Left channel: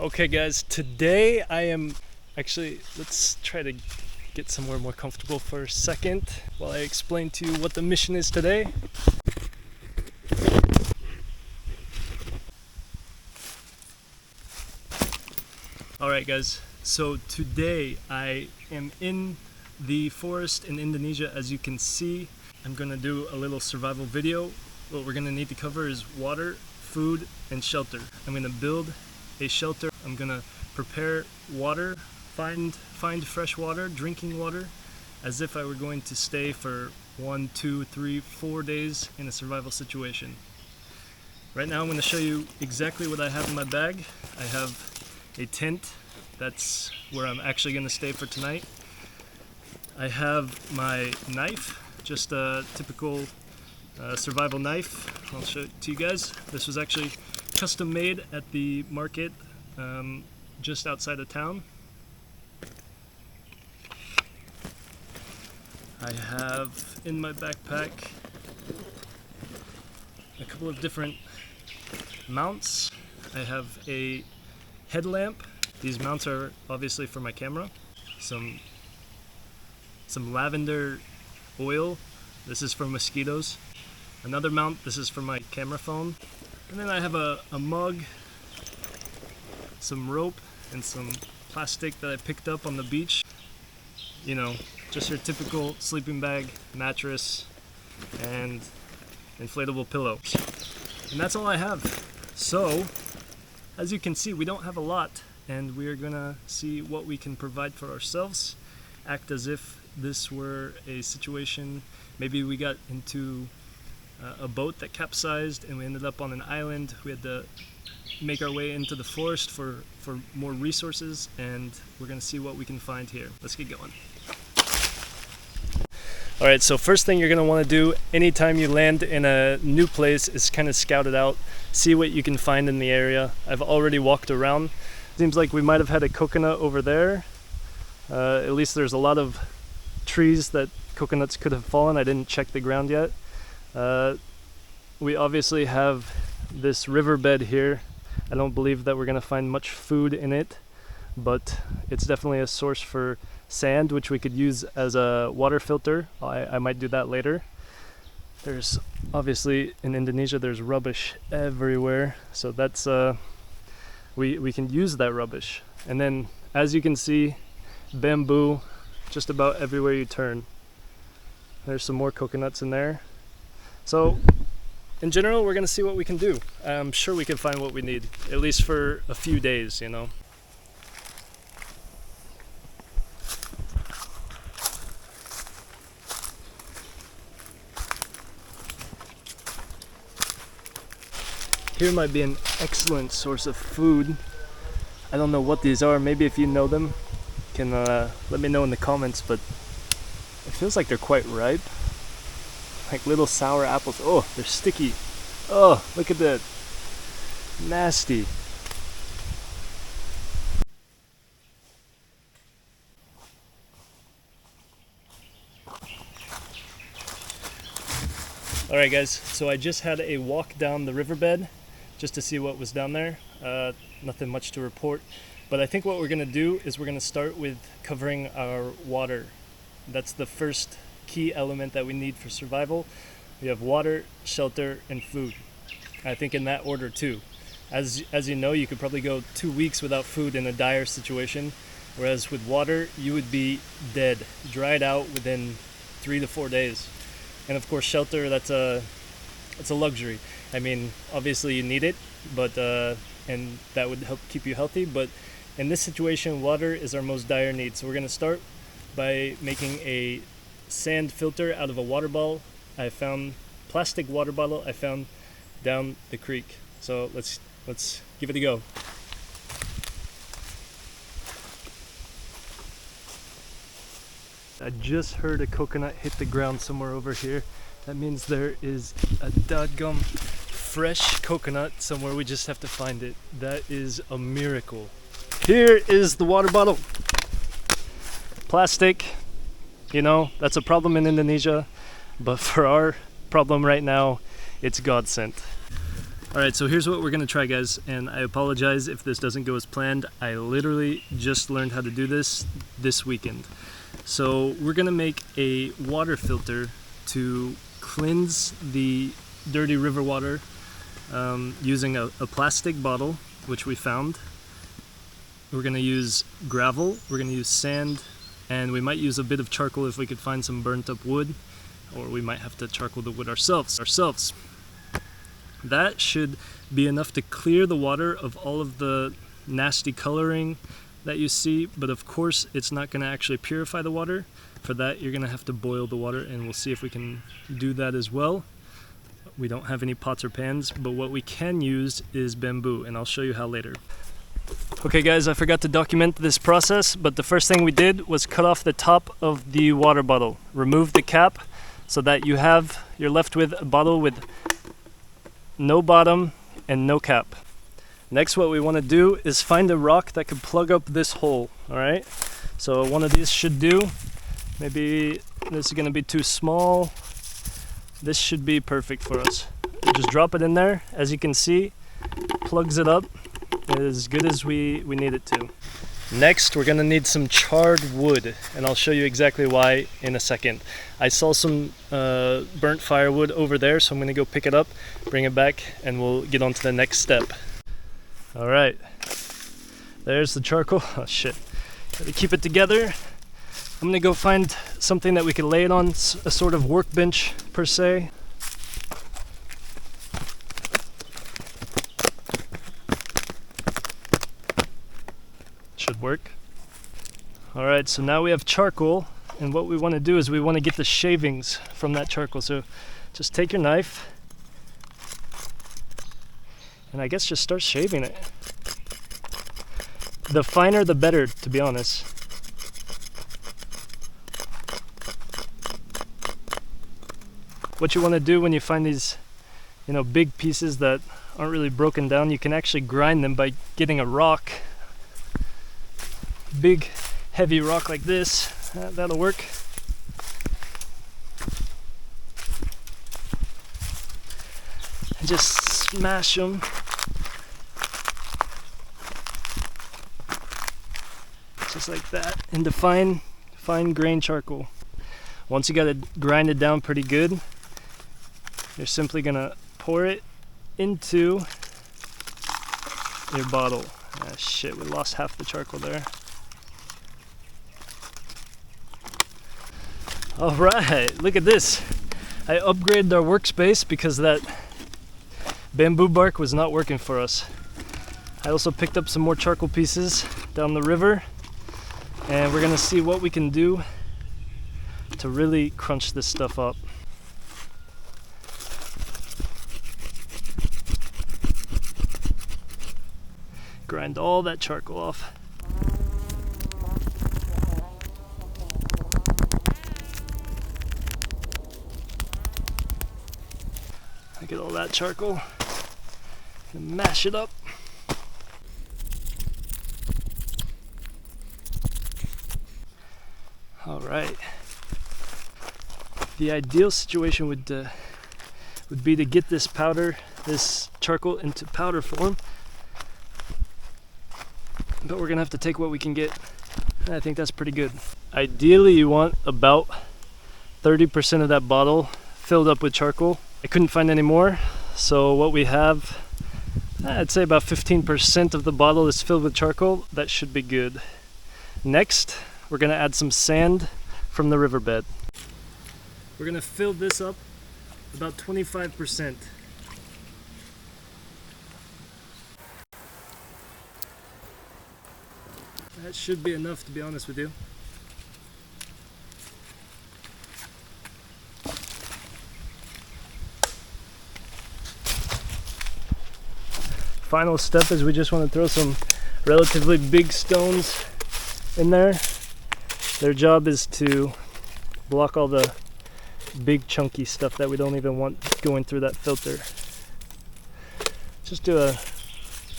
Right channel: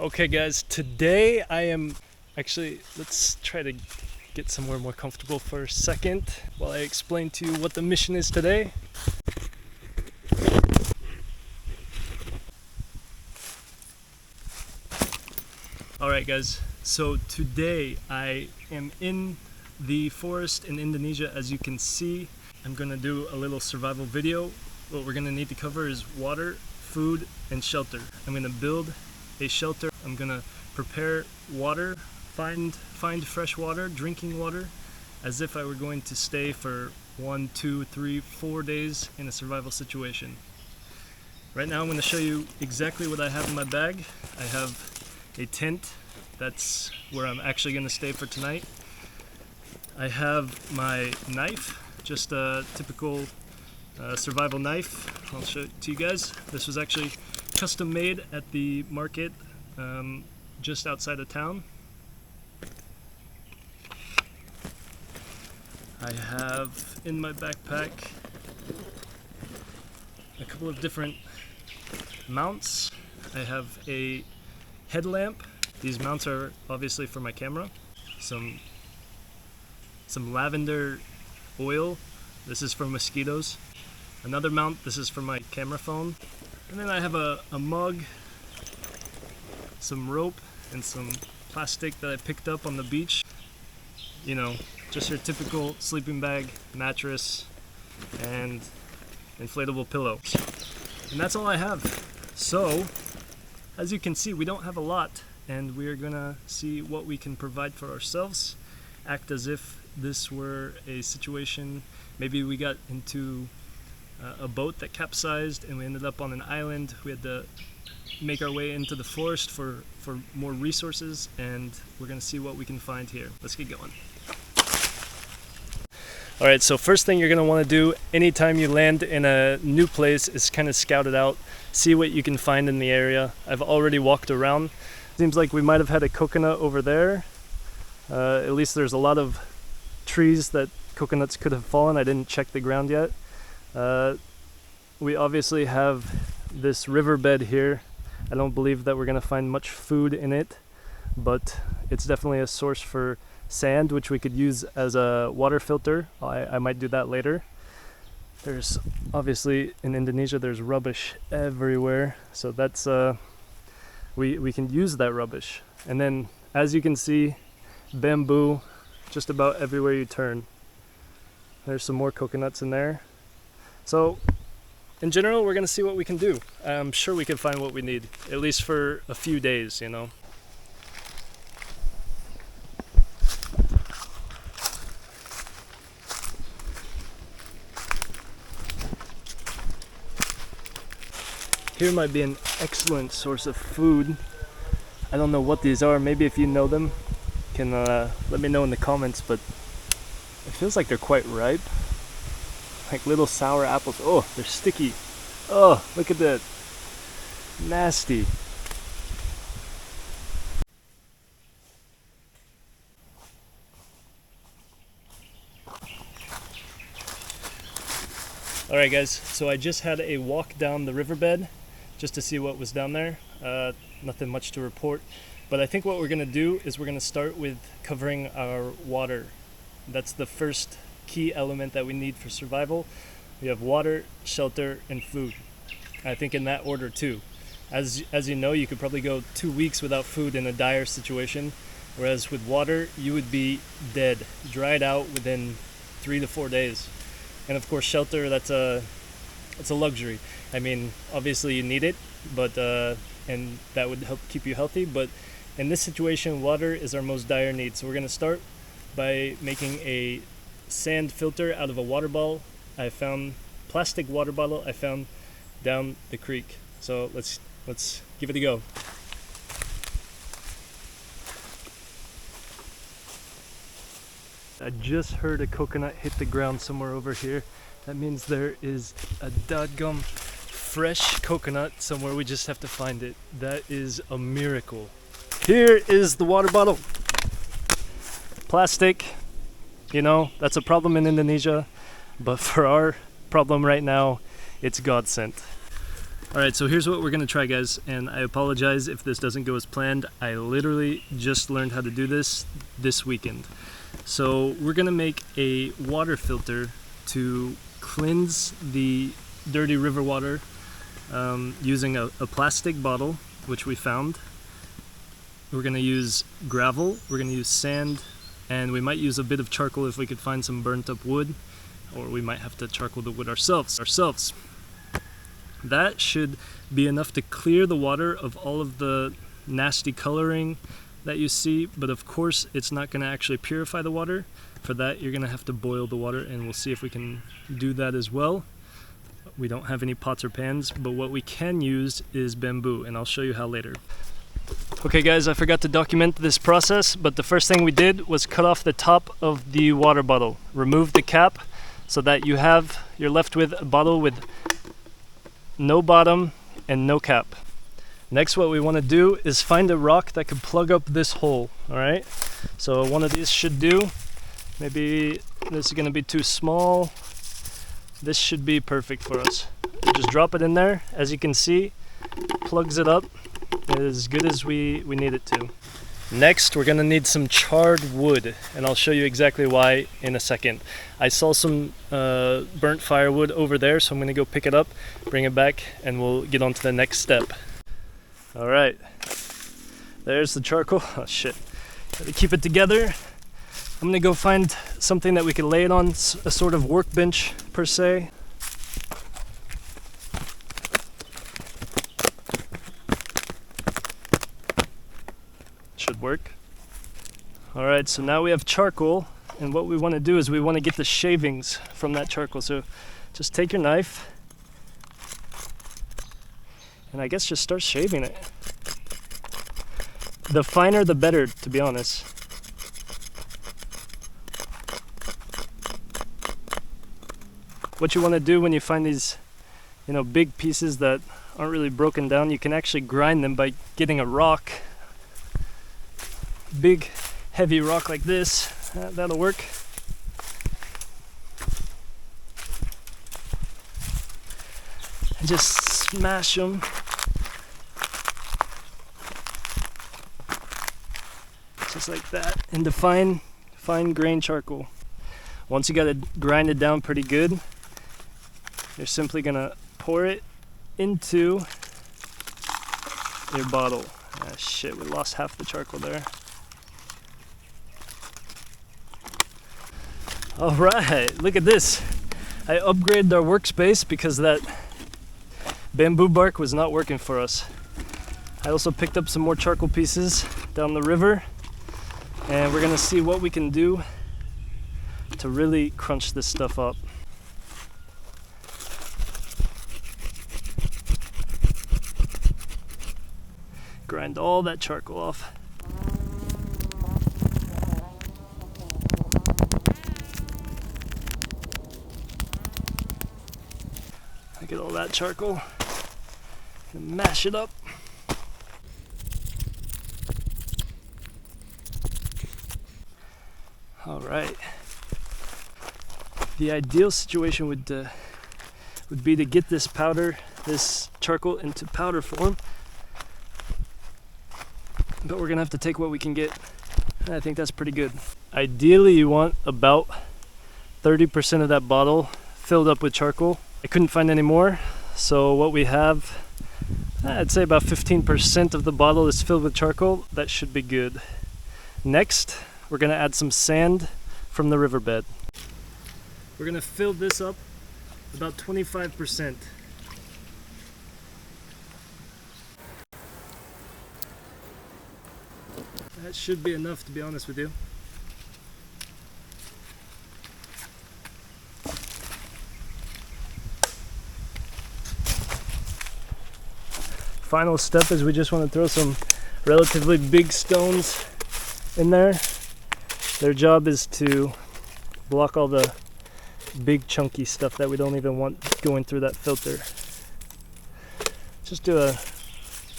Okay guys, today I am actually, let's try to get somewhere more comfortable for a second while I explain to you what the mission is today. Alright guys, so today I am in the forest in Indonesia. As you can see, I'm gonna do a little survival video. What we're gonna need to cover is water, food, and shelter. I'm gonna build a shelter. I'm gonna prepare water, find fresh water, drinking water, as if I were going to stay for 1, 2, 3, 4 days in a survival situation. Right now I'm going to show you exactly what I have in my bag. I have a tent. That's where I'm actually going to stay for tonight. I have my knife, just a typical survival knife. I'll show it to you guys. This was actually custom made at the market just outside of town. I have in my backpack a couple of different mounts. I have a headlamp. These mounts are obviously for my camera. Some lavender oil. This is for mosquitoes. Another mount. This is for my camera phone. And then I have a mug, some rope, and some plastic that I picked up on the beach. You know, just your typical sleeping bag, mattress, and inflatable pillow. And that's all I have. So, as you can see, we don't have a lot, and we're gonna see what we can provide for ourselves. Act as if this were a situation, maybe we got into a boat that capsized and we ended up on an island. We had to make our way into the forest for more resources, and we're gonna see what we can find here. Let's get going. Alright, so first thing you're gonna want to do anytime you land in a new place is kind of scout it out, see what you can find in the area. I've already walked around. Seems like we might have had a coconut over there. At least there's a lot of trees that coconuts could have fallen. I didn't check the ground yet. We obviously have this riverbed here. I don't believe that we're gonna find much food in it, but it's definitely a source for sand, which we could use as a water filter. I might do that later. There's obviously, in Indonesia, there's rubbish everywhere, so that's we can use that rubbish. And then, as you can see, bamboo just about everywhere you turn. There's some more coconuts in there. So in general, we're gonna see what we can do. I'm sure we can find what we need, at least for a few days, you know. Here might be an excellent source of food. I don't know what these are. Maybe if you know them, can let me know in the comments, but it feels like they're quite ripe. Like little sour apples. Oh, they're sticky. Oh, look at that. Nasty. Alright guys, so I just had a walk down the riverbed just to see what was down there. Nothing much to report, but I think what we're going to do is we're going to start with covering our water. That's the first key element that we need for survival. We have water, shelter, and food. I think in that order too. As you know, you could probably go 2 weeks without food in a dire situation, whereas with water, you would be dead, dried out within 3 to 4 days. And of course, shelter, it's a luxury. I mean, obviously you need it, but and that would help keep you healthy. But in this situation, water is our most dire need. So we're going to start by making a sand filter out of a water bottle. I found plastic water bottle I found down the creek. So let's give it a go. I just heard a coconut hit the ground somewhere over here. That means there is a dadgum fresh coconut somewhere. We just have to find it. That is a miracle. Here is the water bottle. Plastic, you know, that's a problem in Indonesia, but for our problem right now, it's godsend. Alright, so here's what we're gonna try, guys, and I apologize if this doesn't go as planned. I literally just learned how to do this weekend. So we're gonna make a water filter to cleanse the dirty river water using a plastic bottle, which we found. We're gonna use gravel, we're gonna use sand, and we might use a bit of charcoal if we could find some burnt up wood, or we might have to charcoal the wood ourselves. That should be enough to clear the water of all of the nasty coloring that you see, but of course it's not going to actually purify the water. For that you're going to have to boil the water, and we'll see if we can do that as well. We don't have any pots or pans, but what we can use is bamboo, and I'll show you how later. Okay guys, I forgot to document this process, but the first thing we did was cut off the top of the water bottle, remove the cap so that you're left with a bottle with no bottom and no cap. Next, what we want to do is find a rock that could plug up this hole. Alright, so one of these should do. Maybe this is going to be too small. This should be perfect for us. Just drop it in there. As you can see, plugs it up as good as we need it to. Next, we're going to need some charred wood, and I'll show you exactly why in a second. I saw some burnt firewood over there, so I'm going to go pick it up, bring it back, and we'll get on to the next step. Alright, there's the charcoal. Oh shit, gotta keep it together. I'm going to go find something that we can lay it on, a sort of workbench per se. Should work. Alright, so now we have charcoal, and what we want to do is we want to get the shavings from that charcoal. So just take your knife and I guess just start shaving it. The finer the better, to be honest. What you want to do when you find these, big pieces that aren't really broken down, you can actually grind them by getting a rock. Big heavy rock like this, that'll work. And just smash them. Just like that, into fine grain charcoal. Once you got it grinded down pretty good, you're simply gonna pour it into your bottle. Ah shit, we lost half the charcoal there. Alright, look at this. I upgraded our workspace because that bamboo bark was not working for us. I also picked up some more charcoal pieces down the river, and we're gonna see what we can do to really crunch this stuff up. Grind all that charcoal off. Get all that charcoal and mash it up. All right. The ideal situation would be to get this charcoal into powder form, but we're gonna have to take what we can get. I think that's pretty good. Ideally, you want about 30% of that bottle filled up with charcoal. I couldn't find any more, so what we have, I'd say about 15% of the bottle is filled with charcoal. That should be good. Next, we're gonna add some sand from the riverbed. We're gonna fill this up about 25%. That should be enough, to be honest with you. Final step is we just want to throw some relatively big stones in there. Their job is to block all the big chunky stuff that we don't even want going through that filter. Just do a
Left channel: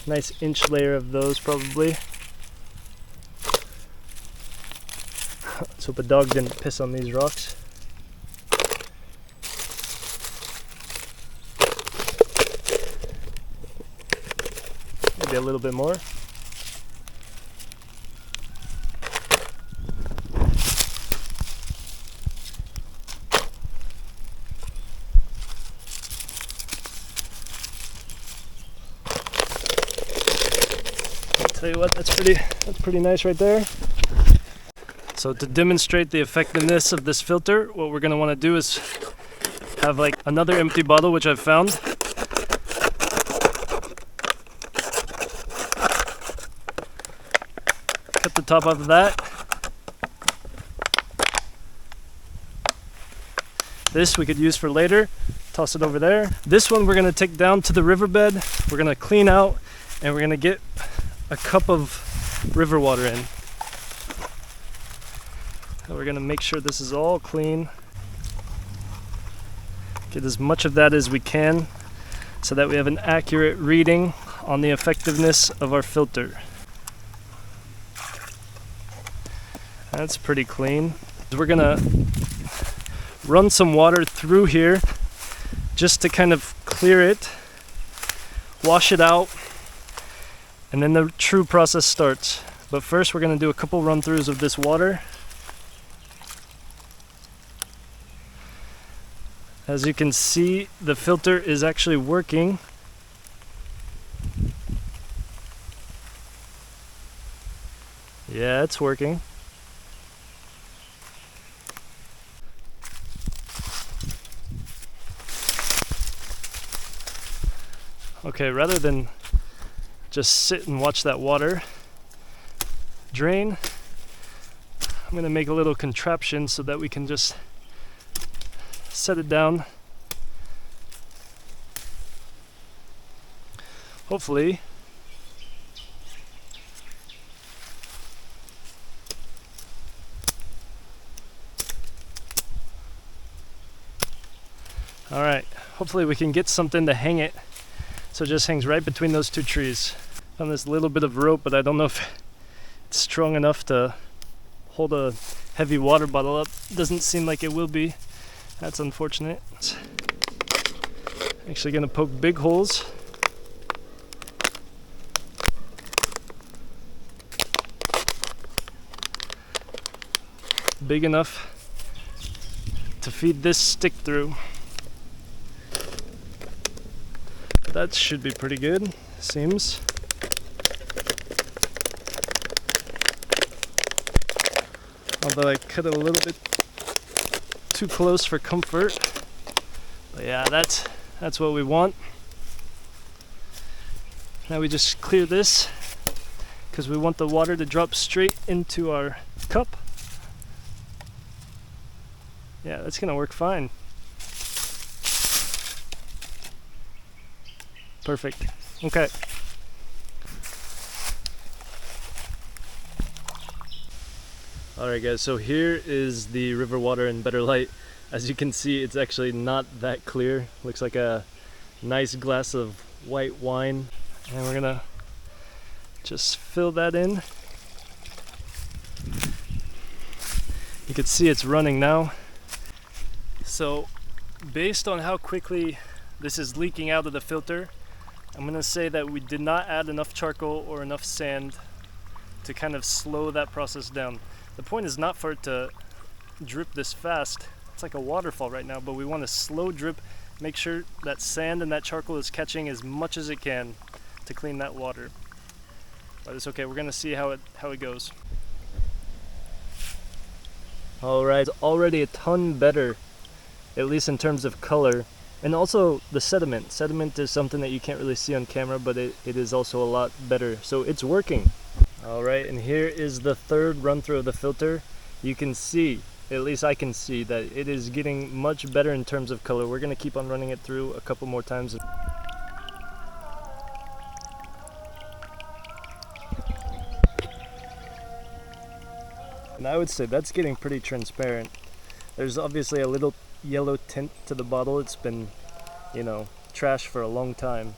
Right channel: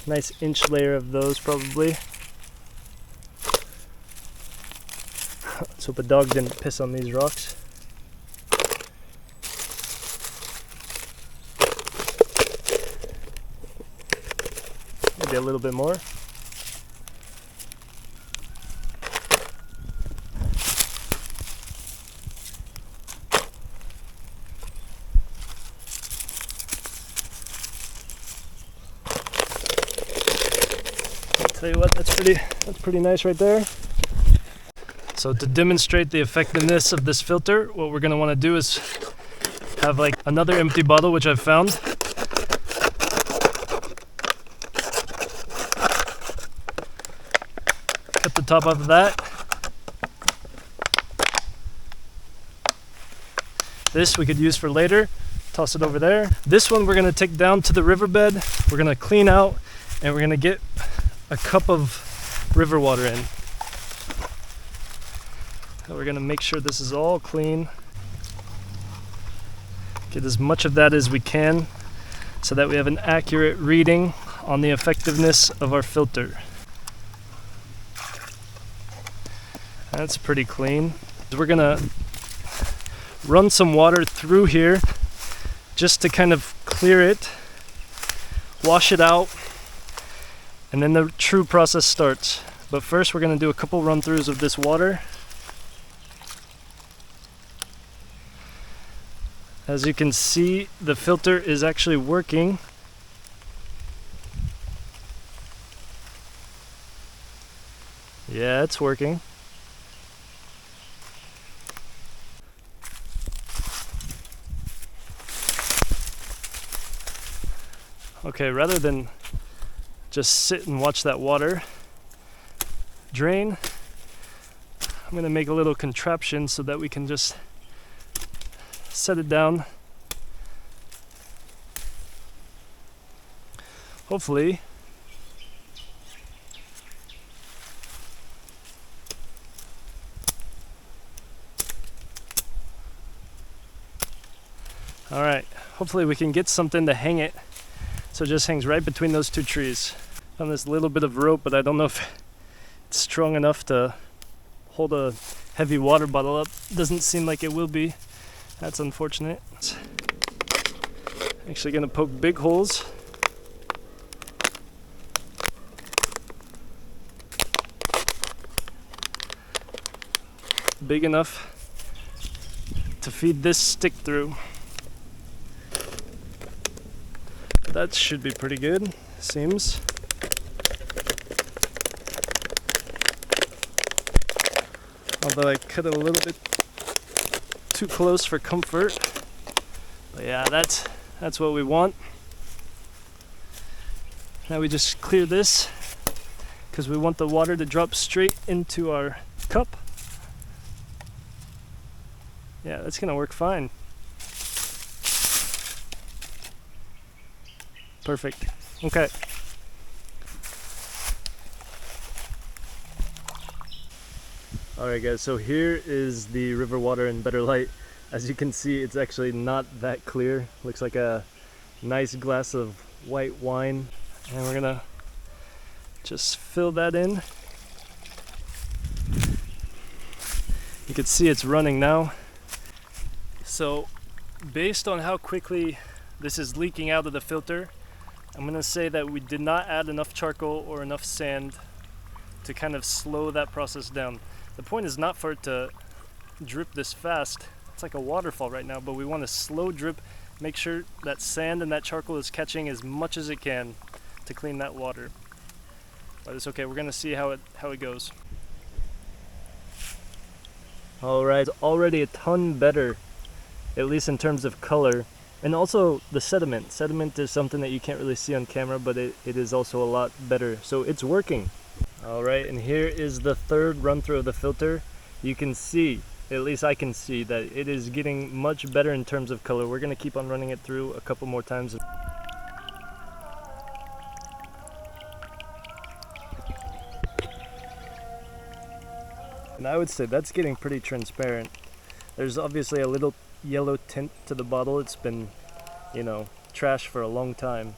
nice inch layer of those probably. Let's hope a dog didn't piss on these rocks. maybe a little bit more. Tell you what, that's pretty nice right there. So to demonstrate the effectiveness of this filter, what we're going to want to do is have like another empty bottle, which I've found. Cut the top off of that. This we could use for later. Toss it over there. This one we're going to take down to the riverbed. We're going to clean out and we're going to get a cup of river water in. And we're going to make sure this is all clean. Get as much of that as we can so that we have an accurate reading on the effectiveness of our filter. That's pretty clean. We're going to run some water through here just to kind of clear it, wash it out, and then the true process starts. But first we're going to do a couple run-throughs of this water. As you can see, the filter is actually working. Yeah, it's working. Okay, rather than just sit and watch that water drain, I'm going to make a little contraption so that we can just set it down. Hopefully alright, hopefully we can get something to hang it so it just hangs right between those two trees. Found this little bit of rope, but I don't know if it's strong enough to hold a heavy water bottle up. Doesn't seem like it will be. That's unfortunate. Actually gonna poke big holes. Big enough to feed this stick through. That should be pretty good, seems. Although I cut it a little bit too close for comfort. But yeah, that's what we want. Now we just clear this because we want the water to drop straight into our cup. Yeah, that's gonna work fine. Perfect. Okay. Alright guys, so here is the river water in better light. As you can see, it's actually not that clear. Looks like a nice glass of white wine. And we're gonna just fill that in. You can see it's running now. So based on how quickly this is leaking out of the filter, I'm gonna say that we did not add enough charcoal or enough sand to kind of slow that process down. The point is not for it to drip this fast. It's like a waterfall right now, but we want a slow drip, make sure that sand and that charcoal is catching as much as it can to clean that water. But it's okay, we're gonna see how it goes. Alright, it's already a ton better, at least in terms of color. And also the sediment. Sediment is something that you can't really see on camera, but it is also a lot better. So it's working. Alright, and here is the third run through of the filter. You can see, at least I can see, that it is getting much better in terms of color. We're going to keep on running it through a couple more times. And I would say that's getting pretty transparent. There's obviously a little yellow tint to the bottle. It's been, trash for a long time.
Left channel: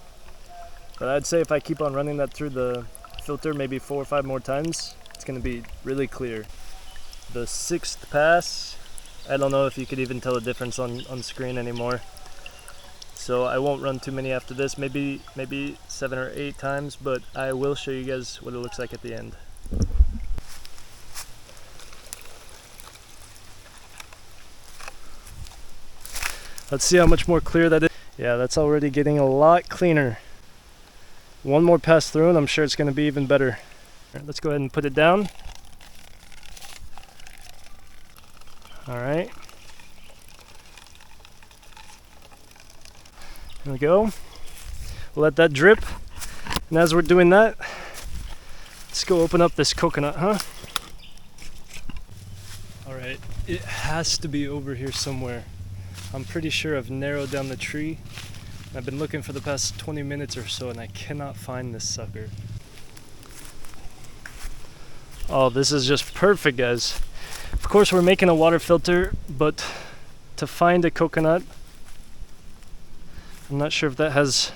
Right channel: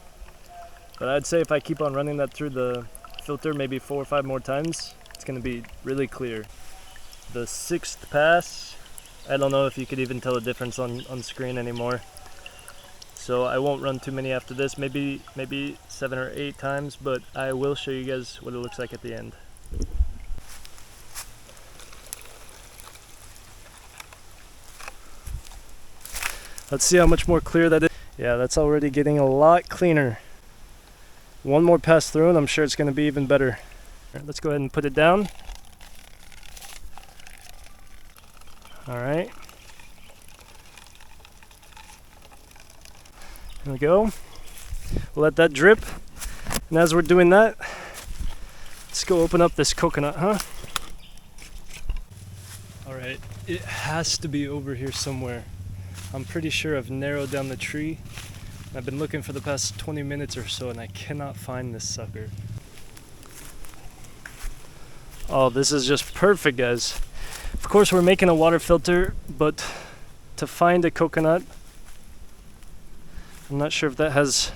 But I'd say if I keep on running that through the filter maybe 4 or 5 more times, it's going to be really clear. The 6th pass, I don't know if you could even tell the difference on screen anymore. so I won't run too many after this, maybe 7 or 8 times, but I will show you guys what it looks like at the end. Let's see how much more clear that is. Yeah, that's already getting a lot cleaner. One more pass through and I'm sure it's going to be even better. Right, let's go ahead and put it down. Alright. There we go. We'll let that drip. And as we're doing that, let's go open up this coconut, huh? Alright, it has to be over here somewhere. I'm pretty sure I've narrowed down the tree. I've been looking for the past 20 minutes or so and I cannot find this sucker. Oh, this is just perfect, guys. Of course we're making a water filter, but to find a coconut, I'm not sure if that has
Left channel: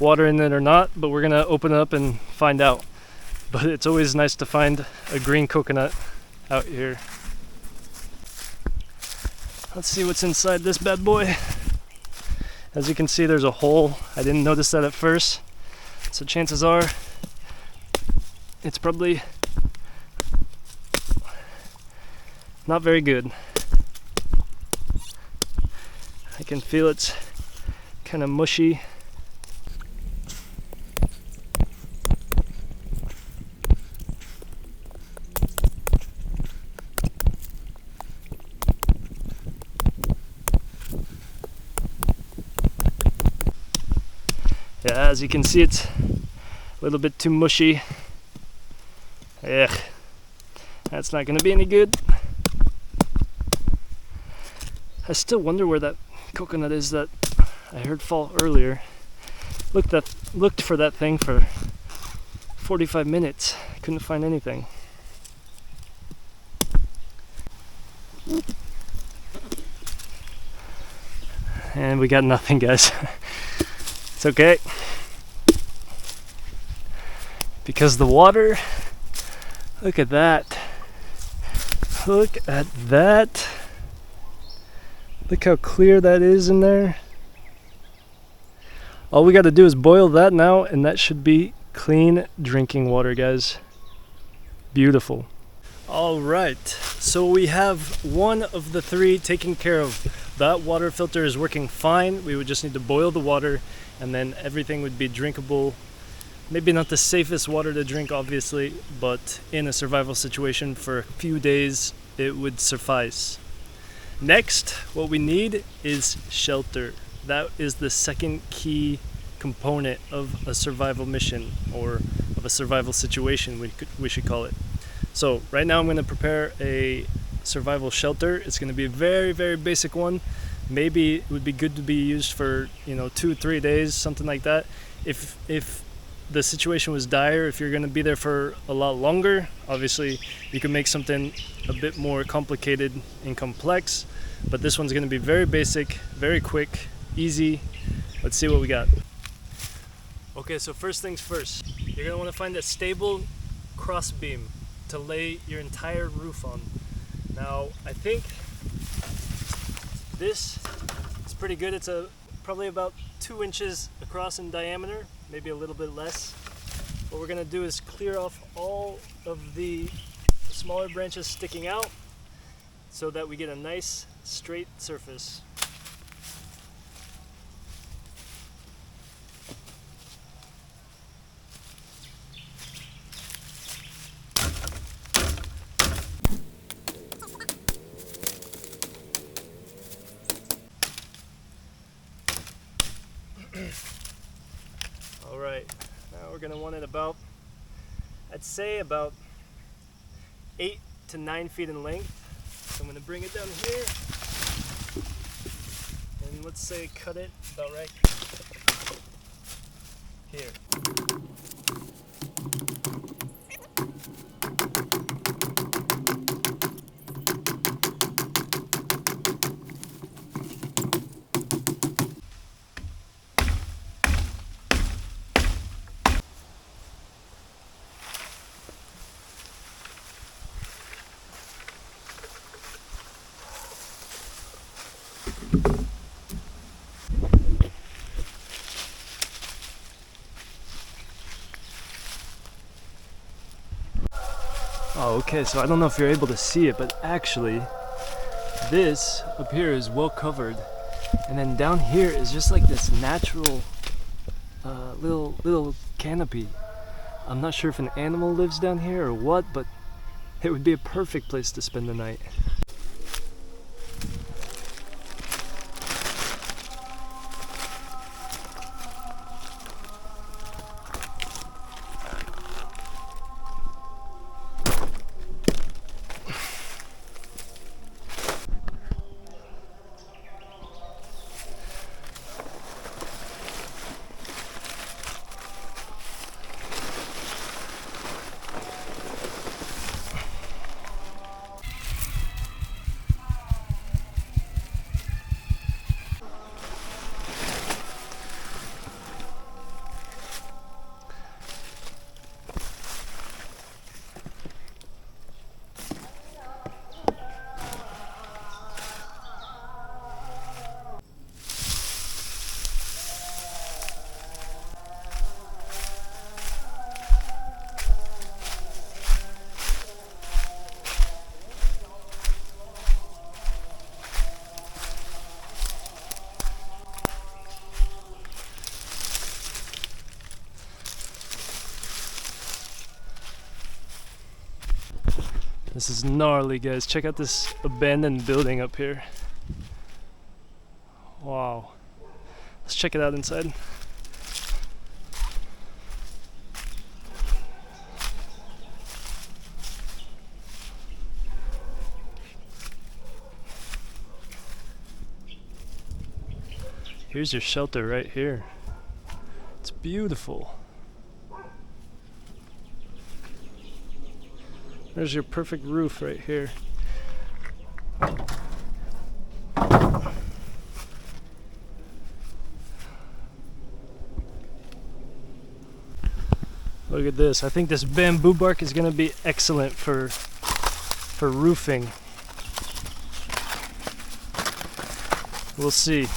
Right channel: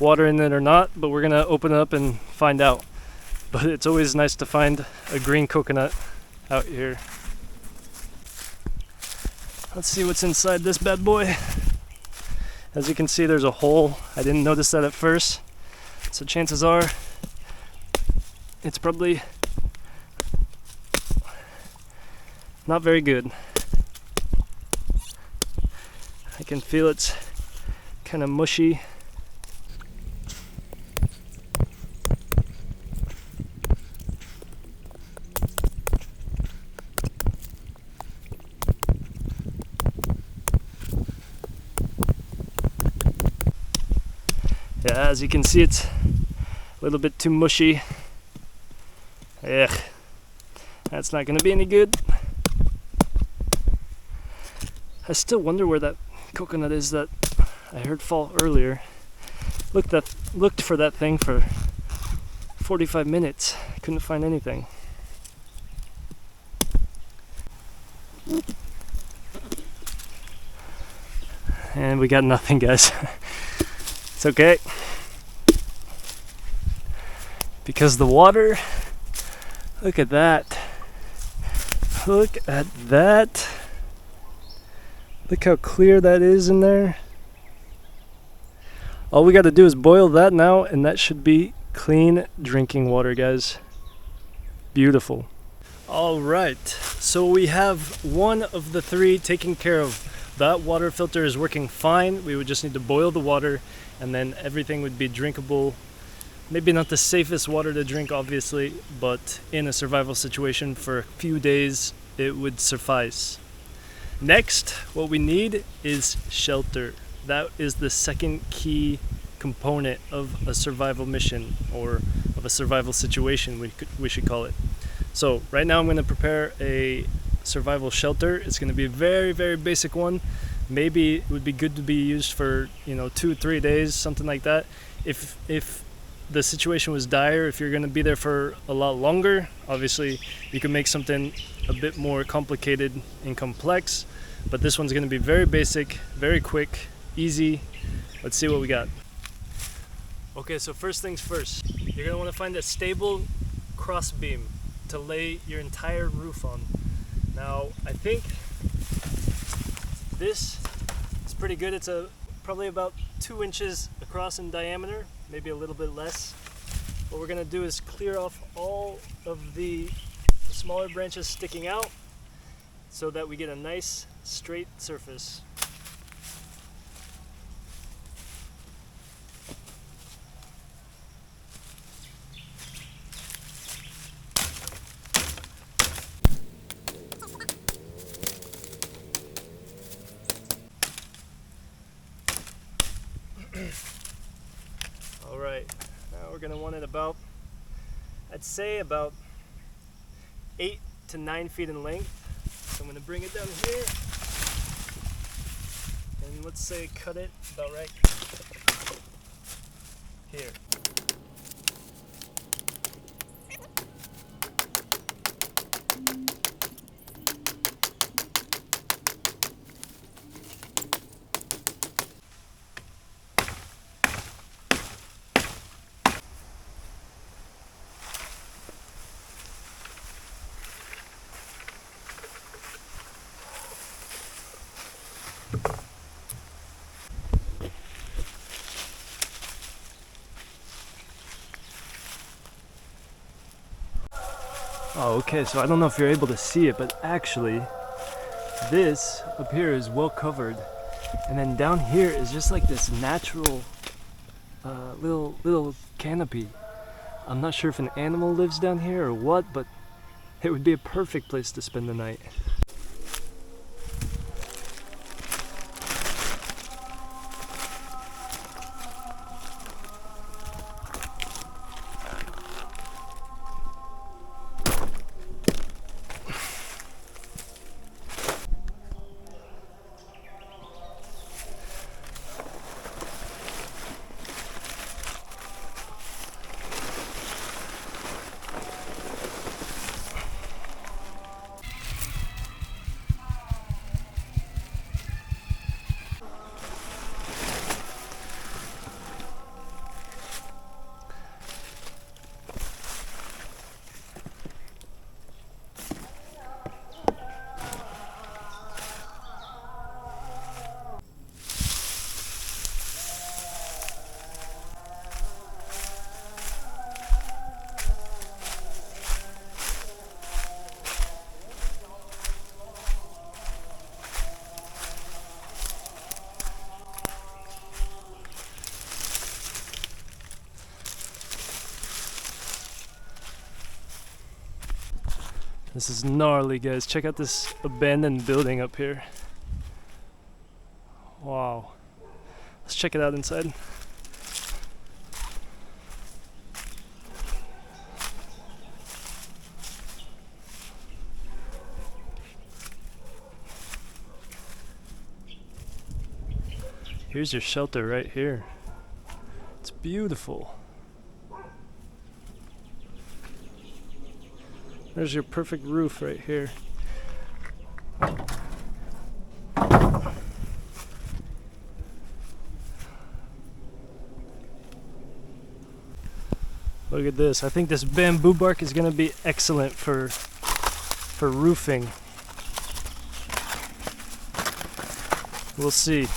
water in it or not, but we're gonna open it up and find out. But it's always nice to find a green coconut out here. Let's see what's inside this bad boy. As you can see, there's a hole. I didn't notice that at first, so chances are it's probably not very good. I can feel it's kind of mushy. Yeah, as you can see, it's a little bit too mushy. Ugh, that's not gonna be any good. I still wonder where that coconut is that I heard fall earlier. Looked for that thing for 45 minutes. Couldn't find anything. And we got nothing, guys. It's okay. Because the water, look at that. Look at that. Look how clear that is in there. All we got to do is boil that now, and that should be clean drinking water, guys. Beautiful. All right, so we have one of the 3 taken care of. That water filter is working fine. We would just need to boil the water, and then everything would be drinkable. Maybe not the safest water to drink, obviously, but in a survival situation for a few days, it would suffice. Next, what we need is shelter. That is the second key component of a survival mission, or of a survival situation, we should call it. So right now I'm going to prepare a survival shelter. It's going to be a very, very basic one. Maybe it would be good to be used for 2-3 days, something like that. If the situation was dire, if you're going to be there for a lot longer, obviously you can make something a bit more complicated and complex, but this one's going to be very basic, very quick, easy. Let's see what we got. Okay, so first things first, you're going to want to find a stable cross beam to lay your entire roof on. Now I think this is pretty good. It's probably about 2 inches across in diameter, maybe a little bit less. What we're going to do is clear off all of the smaller branches sticking out so that we get a nice straight surface. Alright, now we're going to want it about, I'd say about 8 to 9 feet in length. So I'm going to bring it down here, and let's say cut it about right here. Oh, okay, so I don't know if you're able to see it, but actually, this up here is well covered. And then down here is just like this natural little canopy. I'm not sure if an animal lives down here or what, but it would be a perfect place to spend the night. This is gnarly, guys. Check out this abandoned building up here. Wow. Let's check it out inside. Here's your shelter right here. It's beautiful. There's your perfect roof right here. Look at this. I think this bamboo bark is going to be excellent for roofing. We'll see.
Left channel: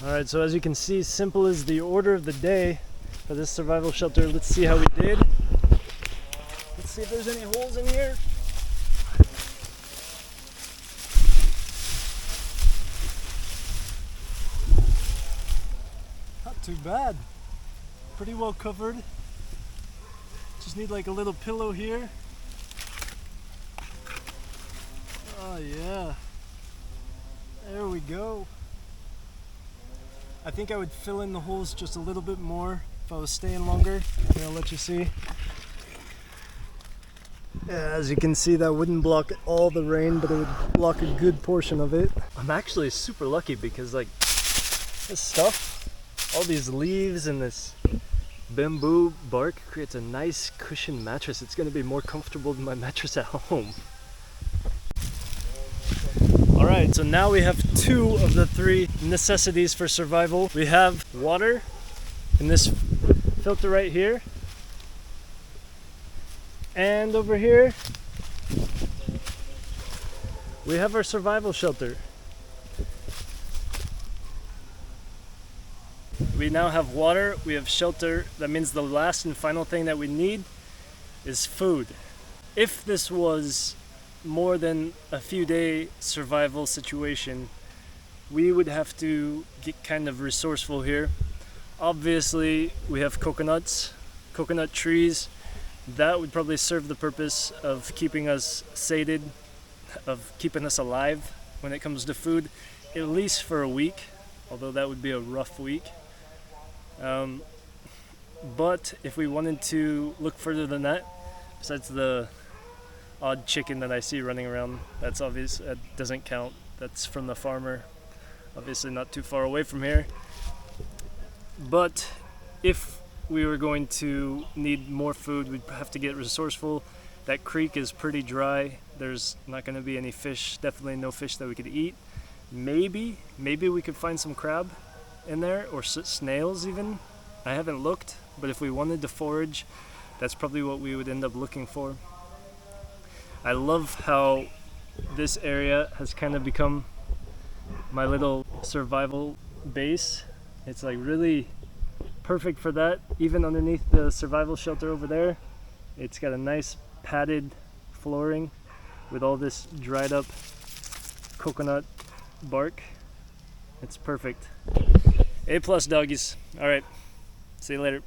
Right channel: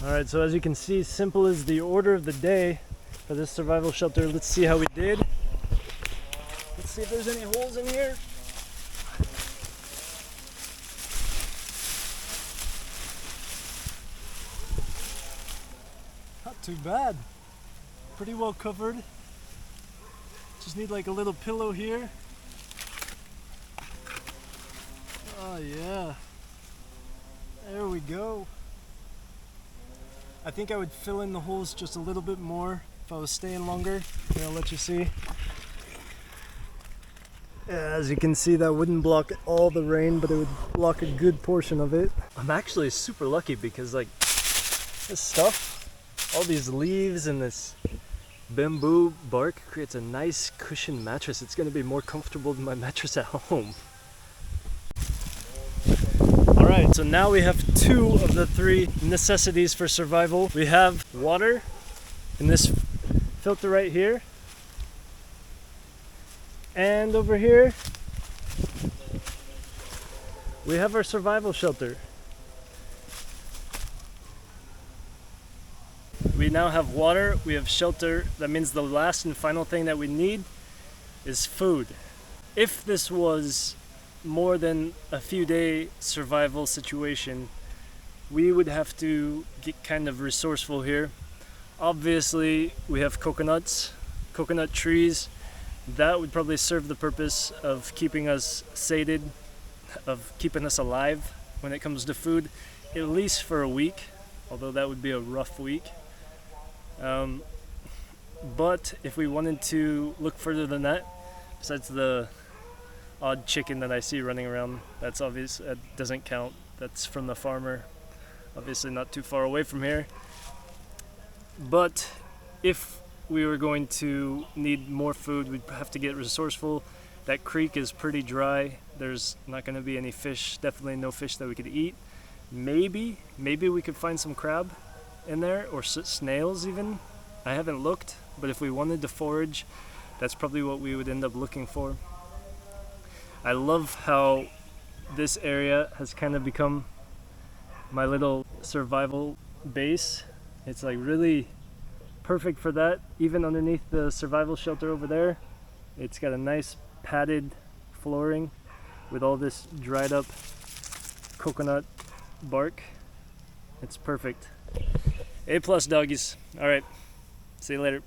Alright, so as you can see, simple is the order of the day for this survival shelter. Let's see how we did. Let's see if there's any holes in here. Not too bad. Pretty well covered. Just need like a little pillow here. Oh yeah. There we go. I think I would fill in the holes just a little bit more if I was staying longer. Here, I'll let you see. Yeah, as you can see, that wouldn't block all the rain, but it would block a good portion of it. I'm actually super lucky because like this stuff, all these leaves and this bamboo bark creates a nice cushioned mattress. It's going to be more comfortable than my mattress at home. Alright, so now we have 2 of the 3 necessities for survival. We have water in this filter right here. And over here, we have our survival shelter. We now have water, we have shelter. That means the last and final thing that we need is food. If this was more than a few day survival situation, we would have to get kind of resourceful here. Obviously, we have coconut trees. That would probably serve the purpose of keeping us sated, of keeping us alive when it comes to food, at least for a week, although that would be a rough week. But if we wanted to look further than that, besides the odd chicken that I see running around, that's obvious, that doesn't count. That's from the farmer, obviously not too far away from here. But if we were going to need more food, we'd have to get resourceful. That creek is pretty dry. There's not going to be any fish, definitely no fish that we could eat. Maybe we could find some crab in there, or snails even. I haven't looked, but if we wanted to forage, that's probably what we would end up looking for. I love how this area has kind of become my little survival base. It's like really perfect for that. Even underneath the survival shelter over there, it's got a nice padded flooring with all this dried up coconut bark. It's perfect. A+ doggies. All right, see you later.